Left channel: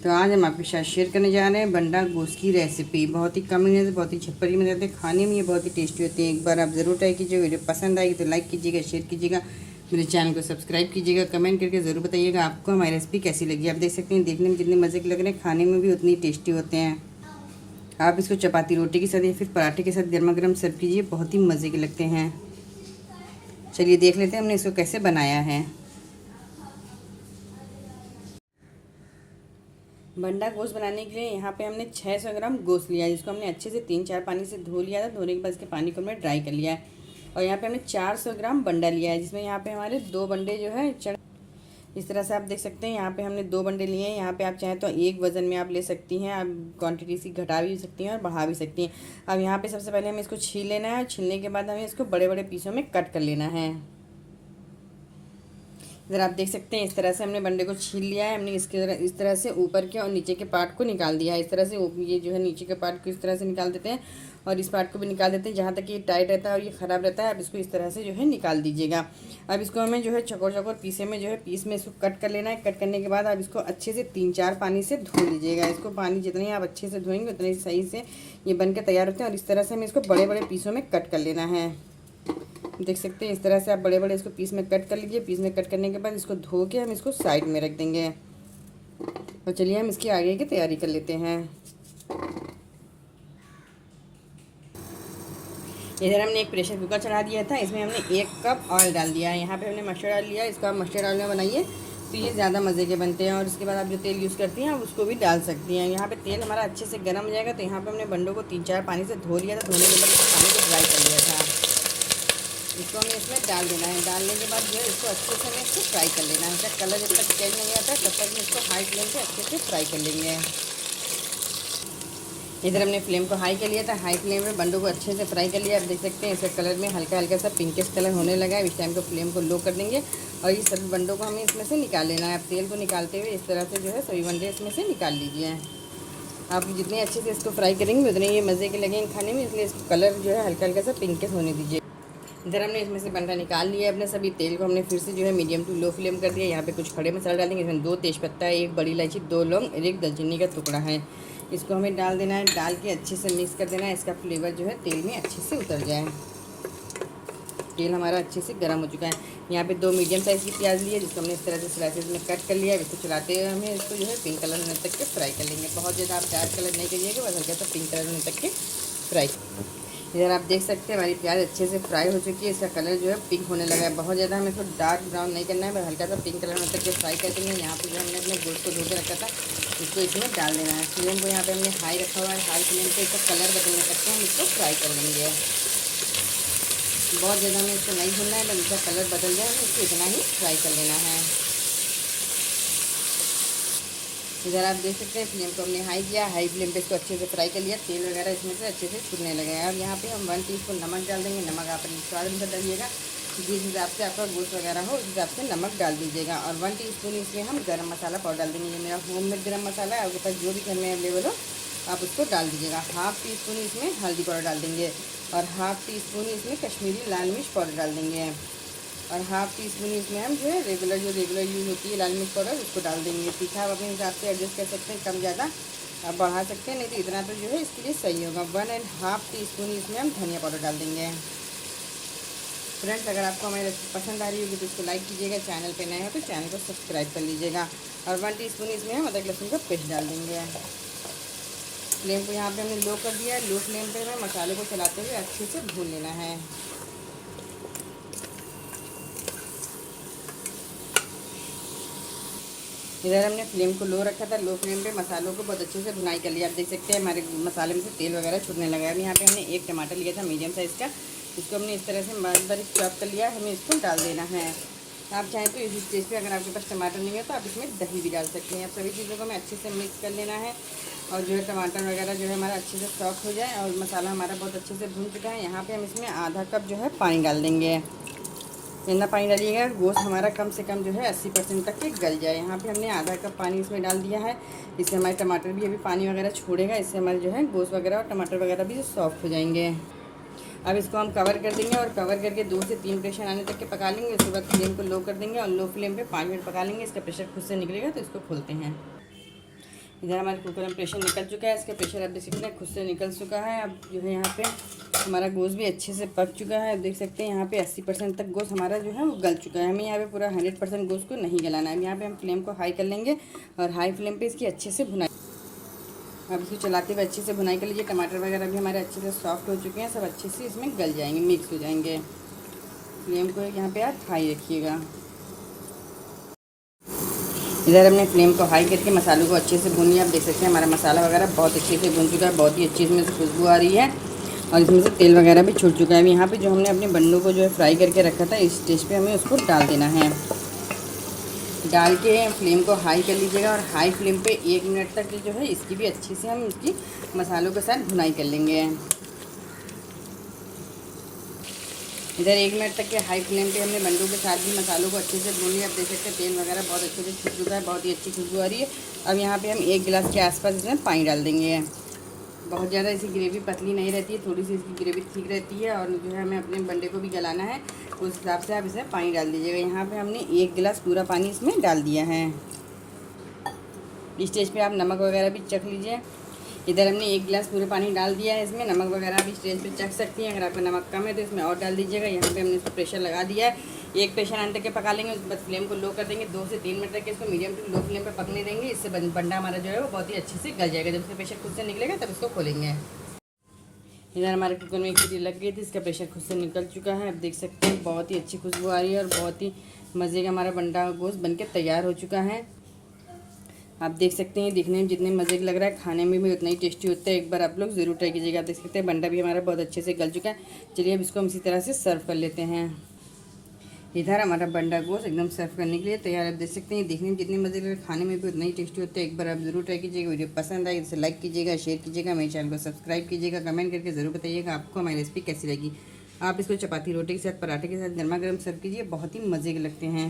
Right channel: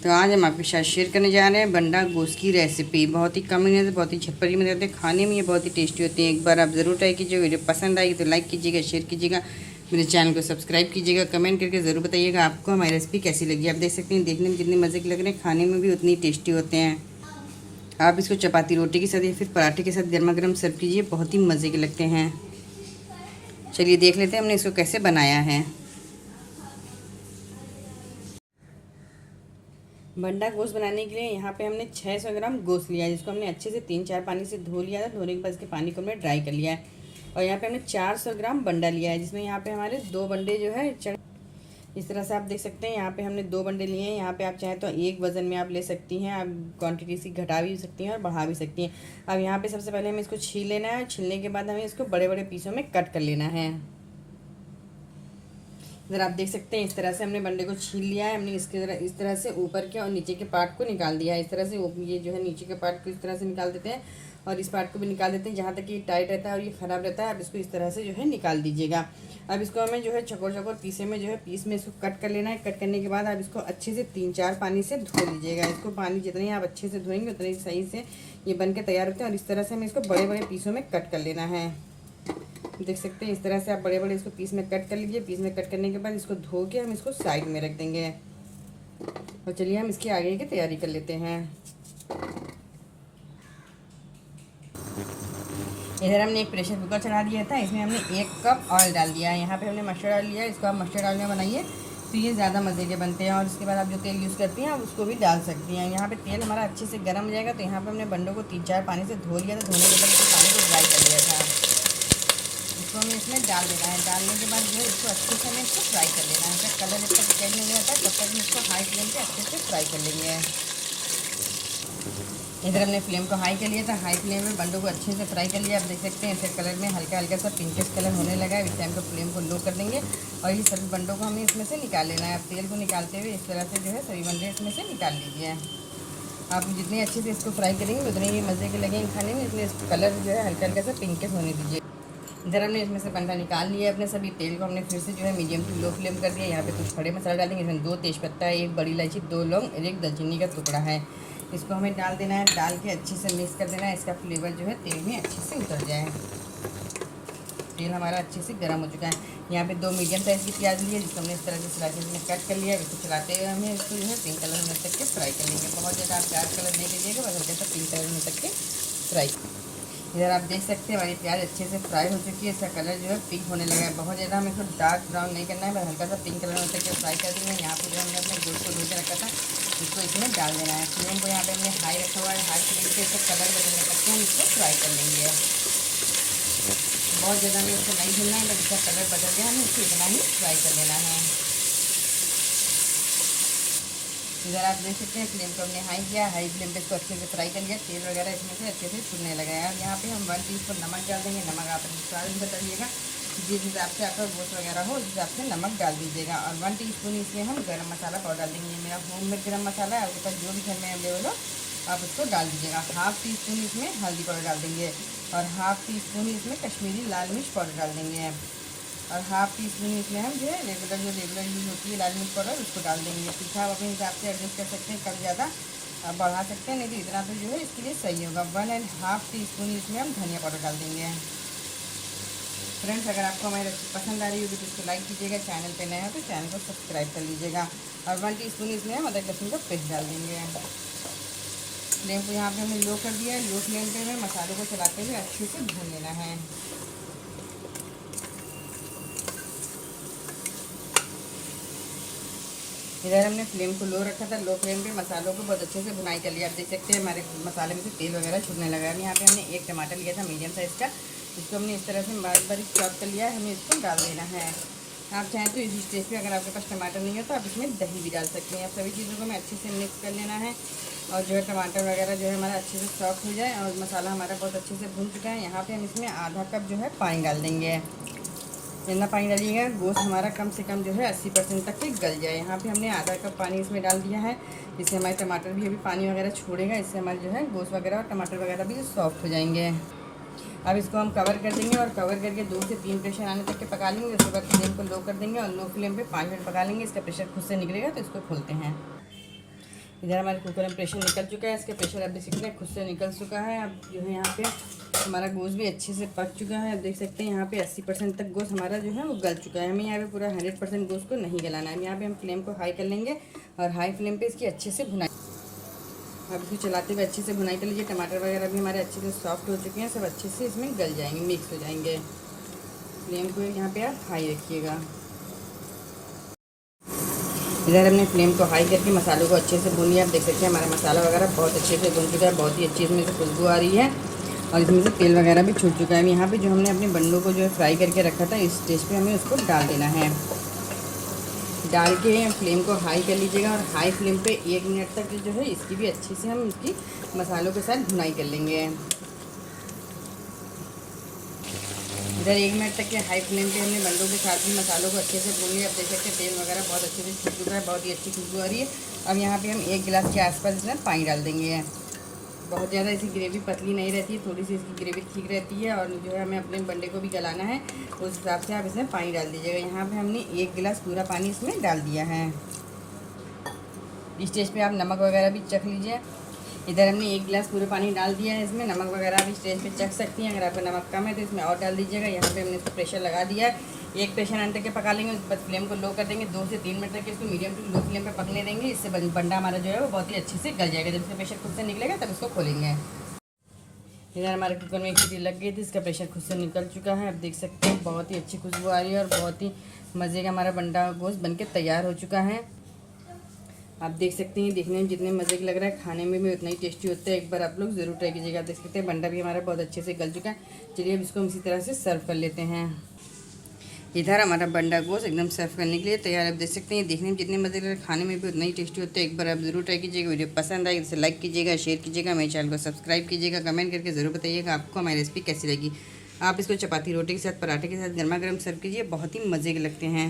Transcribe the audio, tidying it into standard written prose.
तो आज हम आपके साथ शेयर करने जा रहे हैं बंडा गोश्त की रेसिपी। बहुत ही कम मिनट से बहुत ही झटपटी बन जाते हैं, खाने में ये बहुत ही टेस्टी होती है। एक बार आप ज़रूर ट्राई कीजिए। वीडियो पसंद आएगी तो लाइक कीजिएगा, शेयर कीजिएगा, मेरे चैनल को सब्सक्राइब कीजिएगा, कमेंट करके ज़रूर बताइएगा आपको हमारी रेसिपी कैसी लगी। आप देख सकते हैं देखने में कितने मज़े के लग रहे हैं, खाने में भी उतनी टेस्टी होते हैं। आप इसको चपाती रोटी के साथ या फिर पराठे के साथ गर्मा गर्म सर्व कीजिए, बहुत ही मज़े के लगते हैं। चलिए देख लेते हैं हमने इसको कैसे बनाया है। बंडा गोश्त बनाने के लिए यहाँ पे हमने 600 ग्राम गोश्त लिया है, जिसको हमने अच्छे से 3-4 पानी से धो लिया था। धोने के बाद इसके पानी को हमने ड्राई कर लिया है। और यहाँ पे हमने 400 ग्राम बंडा लिया है, जिसमें यहाँ पे हमारे 2 बंडे जो है इस तरह से आप देख सकते हैं। यहाँ पे हमने 2 बंडे लिए हैं। यहाँ पे आप चाहें तो एक वज़न में आप ले सकती हैं, आप क्वांटिटी से घटा भी सकती हैं और बढ़ा भी सकती हैं। अब यहाँ पे सबसे पहले हमें इसको छील लेना है। छीलने के बाद हमें इसको बड़े बड़े पीसों में कट कर लेना है। इधर आप देख सकते हैं इस तरह से हमने बंडे को छील लिया है। हमने इस तरह से ऊपर के और नीचे के पार्ट को निकाल दिया है। इस तरह से ये जो है नीचे के पार्ट को इस तरह से निकाल देते हैं और इस पार्ट को भी निकाल देते हैं, जहाँ तक ये टाइट रहता है और ये ख़राब रहता है। अब इसको इस तरह से जो है निकाल दीजिएगा। अब इसको हमें जो है चौकोर चौकोर पीसे में जो है पीस में इसको कट कर लेना है। कट करने के बाद आप इसको अच्छे से 3-4 पानी से धो लीजिएगा। इसको पानी जितनी आप अच्छे से धोएंगे उतनी सही से ये बन के तैयार होते हैं। और इस तरह से हमें इसको बड़े बड़े पीसों में कट कर लेना है। देख सकते हैं इस तरह से आप बड़े बड़े इसको पीस में कट कर लीजिए। पीस में कट करने के बाद इसको धो के हम इसको साइड में रख देंगे। और चलिए हम इसकी आगे की तैयारी कर लेते हैं। इधर हमने एक प्रेशर कुकर चढ़ा दिया था, इसमें हमने 1 कप ऑयल डाल दिया है। यहाँ पे हमने मस्टर्ड ऑयल लिया है। इसको आप मस्टर्ड ऑयल में बनाइए तो ये ज़्यादा मज़े के बनते हैं। और उसके बाद आप जो तेल यूज़ करती हैं उसको भी डाल सकती हैं। यहाँ पे तेल हमारा अच्छे से गर्म हो जाएगा। तो यहाँ पे हमने बंडों को 3-4 पानी से धो लिया था। धोने के बाद पानी को ड्राई कर लिया था। इसको हमें इसमें डाल देना है। डालने के बाद जो है इसको अच्छे से हमें इसको फ्राई कर लेना है। इसका कलर जब तक चेंज नहीं आता तब तक हम इसको हाई फ्लेम पे अच्छे से फ्राई कर लेंगे। इधर हमने फ्लेम को हाई कर लिया था। हाई फ्लेम में बंडों को अच्छे से फ्राई कर लिया। आप देख सकते हैं इसके कलर में हल्का हल्का सा पिंकिश कलर होने लगा है। इस टाइम को फ्लेम को लो कर देंगे और ये सभी बंडों को हमें इसमें से निकाल लेना है। आप तेल को निकालते हुए इस तरह से जो है सभी बंडे इसमें से निकाल लीजिए। आप जितने अच्छे से इसको फ्राई करेंगे उतने ये मज़े के लगेंगे खाने में, इसलिए इसको कलर जो है हल्का हल्का सा पिंकिश होने दीजिए। इधर हमने इसमें से बंडा निकाल लिया। अपने सभी तेल को हमने फिर से जो है मीडियम टू लो फ्लेम कर दिया। यहाँ पे कुछ खड़े मसाले डालेंगे। इसमें 2 तेज़पत्ता, 1 बड़ी इलायची, 2 लौंग और 1 दालचीनी का टुकड़ा है। इसको हमें डाल देना है। डाल के अच्छे से मिक्स कर देना है। इसका फ्लेवर जो है तेल में अच्छे से उतर जाए। तेल हमारा अच्छे से गर्म हो चुका है। यहाँ पे 2 मीडियम साइज़ की प्याज ली है, जिसको हमने इस तरह से स्लाइसेस में कट कर लिया है। इसको चलाते हुए हमें इसको जो है पिंक कलर होने तक के फ्राई कर लेंगे। बहुत ज़्यादा आप डार्क कलर नहीं करिएगा, बस हल्का सा पिंक कलर होने तक के फ्राई। इधर आप देख सकते हैं हमारी प्याज अच्छे से फ्राई हो चुकी है। इसका कलर जो है पिंक होने लगा है। बहुत ज़्यादा हमें इसको डार्क ब्राउन नहीं करना है, बस हल्का सा पिंक कलर होने तक के फ्राई कर देंगे। यहाँ पे जो हमने अपने गोश्त को धो के रखा था इसको इसमें डाल देना है। फ्लेम को यहाँ पे हमने हाई रखा हुआ है। हाई फ्लेम पे इसका कलर बदलने तक के हम इसको फ्राई कर लेंगे। बहुत ज़्यादा हमें इसको नहीं भूनना है, बस इसका कलर बदल गया हमें इसको इतना ही फ्राई कर लेना है। इधर आप देख सकते हैं फ्लेम को हमने हाई किया। हाई फ्लेम पे इसको अच्छे से फ्राई कर लिया। तेल वगैरह इसमें से अच्छे से छूटने लगा है। और यहाँ पे हम 1 टीस्पून नमक डाल देंगे। नमक आप अपने स्वाद अनुसार डालिएगा, जिस हिसाब से आपका गोश्त वगैरह हो उस हिसाब से नमक डाल दीजिएगा। और 1 टीस्पून इसमें हम गरम मसाला पाउडर डाल देंगे। ये मेरा होममेड गरम मसाला है, आपके पास जो भी घर में अवेलेबल हो आप उसको डाल दीजिएगा। 1/2 टीस्पून इसमें हल्दी पाउडर डाल देंगे और 1/2 टीस्पून इसमें कश्मीरी लाल मिर्च पाउडर डाल देंगे। और 1/2 टीस्पून इसमें हम जो है रेगुलर यूज़ होती है लाल मिर्च पाउडर उसको डाल देंगे। तीखा आप अपने हिसाब से एडजस्ट कर सकते हैं, कम ज़्यादा बढ़ा सकते हैं, नहीं तो इतना तो जो है इसके लिए सही होगा। 1.5 टीस्पून इसमें हम धनिया पाउडर डाल देंगे। फ्रेंड्स, अगर आपको हमारी रेसिपी पसंद आ रही होगी तो इसको लाइक कीजिएगा। चैनल पे नए हैं तो चैनल को सब्सक्राइब कर लीजिएगा। और 1 टीस्पून इसमें हम अदरक लहसुन का पेस्ट डाल देंगे। फ्लेम को यहाँ पे हमने लो कर दिया है। लो फ्लेम पे हमें मसाले को चलाते हुए अच्छे से भून लेना है। इधर हमने फ्लेम को लो रखा था। लो फ्लेम पे मसालों को बहुत अच्छे से भुनाई कर लिया। आप देख सकते हैं हमारे मसाले में से तेल वगैरह छूटने लगा है। यहाँ पे हमने 1 टमाटर लिया था मीडियम साइज़ का, इसको हमने इस तरह से बारीक चॉप कर लिया है। हमें इसको डाल देना है। आप चाहें तो इस स्टेज पे अगर आपके पास टमाटर नहीं है तो आप इसमें दही भी डाल सकते हैं। आप सभी चीज़ों को हमें अच्छे से मिक्स कर लेना है और जो है टमाटर वगैरह जो है हमारा अच्छे से सॉफ्ट हो जाए और मसाला हमारा बहुत अच्छे से भून चुका है। यहाँ पे हम इसमें आधा कप जो है पानी डाल देंगे। इतना पानी डालिएगा गोश्त हमारा कम से कम जो है 80% तक ही गल जाए। यहाँ पे हमने आधा कप पानी इसमें डाल दिया है। इससे हमारे टमाटर भी अभी पानी वगैरह छोड़ेगा। इससे हमारे जो है गोश्त वगैरह और टमाटर वगैरह भी सॉफ्ट हो जाएंगे। अब इसको हम कवर कर देंगे और कवर करके 2 से 3 प्रेशर आने तक के पका लेंगे। उसके बाद फ्लेम को लो कर देंगे और लो फ्लेम पे 5 मिनट पका लेंगे। इसका प्रेशर खुद से निकलेगा तो इसको खोलते हैं। इधर हमारे कुकर में प्रेशर निकल चुका है, इसका प्रेशर आप देख सकते हैं खुद से निकल चुका है। अब जो है यहाँ पे हमारा गोश्त भी अच्छे से पक चुका है। आप देख सकते हैं यहाँ पे 80% तक गोश्त हमारा जो है वो गल चुका है। हमें यहाँ पे पूरा 100% गोश्त को नहीं गलाना है। यहाँ पे हम फ्लेम को हाई कर लेंगे और हाई फ्लेम पे इसकी अच्छे से भुनाई, अब इसको चलाते हुए अच्छे से भुनाई कर लीजिए। टमाटर वगैरह भी हमारे अच्छे से सॉफ्ट हो चुके हैं, सब अच्छे से इसमें गल जाएंगे, मिक्स हो जाएंगे। फ्लेम को यहाँ पे आप हाई रखिएगा। इधर हमने फ्लेम को हाई करके मसालों को अच्छे से भून लिया। आप देख सकते हैं हमारा मसाला वगैरह बहुत अच्छे से भून चुका है, बहुत ही अच्छी इसमें से खुशबू आ रही है और इसमें से तेल वगैरह भी छूट चुका है। यहाँ पे जो हमने अपने बंडों को जो है फ्राई करके रखा था, इस स्टेज पे हमें उसको डाल देना है। डाल के फ्लेम को हाई कर लीजिएगा और हाई फ्लेम पे 1 मिनट तक जो है इसकी भी अच्छी से हम इसकी मसालों के साथ भुनाई कर लेंगे। इधर 1 मिनट तक के हाई फ्लेम पे हमने बंडों के साथ भी मसालों को अच्छे से भून लिया। आप देख सकते हैं तेल वगैरह बहुत अच्छे से छूट चुका है, बहुत ही अच्छी खुशबू आ रही है। अब यहाँ पे हम 1 गिलास के आसपास इसमें पानी डाल देंगे। बहुत ज़्यादा इसकी ग्रेवी पतली नहीं रहती है, थोड़ी सी इसकी ग्रेवी ठीक रहती है और जो है हमें अपने बंडे को भी गलाना है, उस हिसाब से आप इसमें पानी डाल दीजिएगा। यहाँ पे हमने 1 गिलास पूरा पानी इसमें डाल दिया है। इस स्टेज पे आप नमक वगैरह भी चख लीजिए। इधर हमने 1 गिलास पूरा पानी डाल दिया है, इसमें नमक वगैरह भी स्टेज पे चख सकती हैं। अगर आपका नमक कम है तो इसमें और डाल दीजिएगा। यहाँ पे हमने इसको प्रेशर लगा दिया है, एक प्रेशर आने तक के पका लेंगे, उसके बाद फ्लेम को लो कर देंगे। 2 से 3 मिनट तक इसको मीडियम टू लो फ्लेम पे पकने देंगे। इससे बंडा हमारा जो है वो बहुत ही अच्छे से गल जाएगा। जब इसका प्रेशर खुद से निकलेगा तब इसको खोलेंगे। इधर हमारे कुकर में 1 सीटी लग गई थी, इसका प्रेशर खुद से निकल चुका है। आप देख सकते हैं बहुत ही अच्छी खुशबू आ रही है और बहुत ही मज़े का हमारा बंडा गोश्त बनके तैयार हो चुका है। आप देख सकते हैं देखने में जितने मज़े का लग रहा है, खाने में भी उतना ही टेस्टी होता है। एक बार आप लोग ज़रूर ट्राई कीजिएगा। आप देख सकते हैं बंडा भी हमारा बहुत अच्छे से गल चुका है। चलिए अब इसको हम इसी तरह से सर्व कर लेते हैं। इधर हमारा बंडा गोश्त एकदम सर्व करने के लिए तैयार। आप देख सकते हैं देखने में जितने मज़े लग रहे हैं, खाने में भी उतना ही टेस्टी होता है। एक बार आप ज़रूर ट्राई कीजिएगा। वीडियो पसंद आए इसे लाइक कीजिएगा, शेयर कीजिएगा, मेरे चैनल को सब्सक्राइब कीजिएगा। कमेंट करके ज़रूर बताइएगा आपको हमारी रेसिपी कैसी लगी। आप इसको चपाती रोटी के साथ, पराठे के साथ गर्मा गर्म सर्व कीजिए, बहुत ही मज़े के लगते हैं।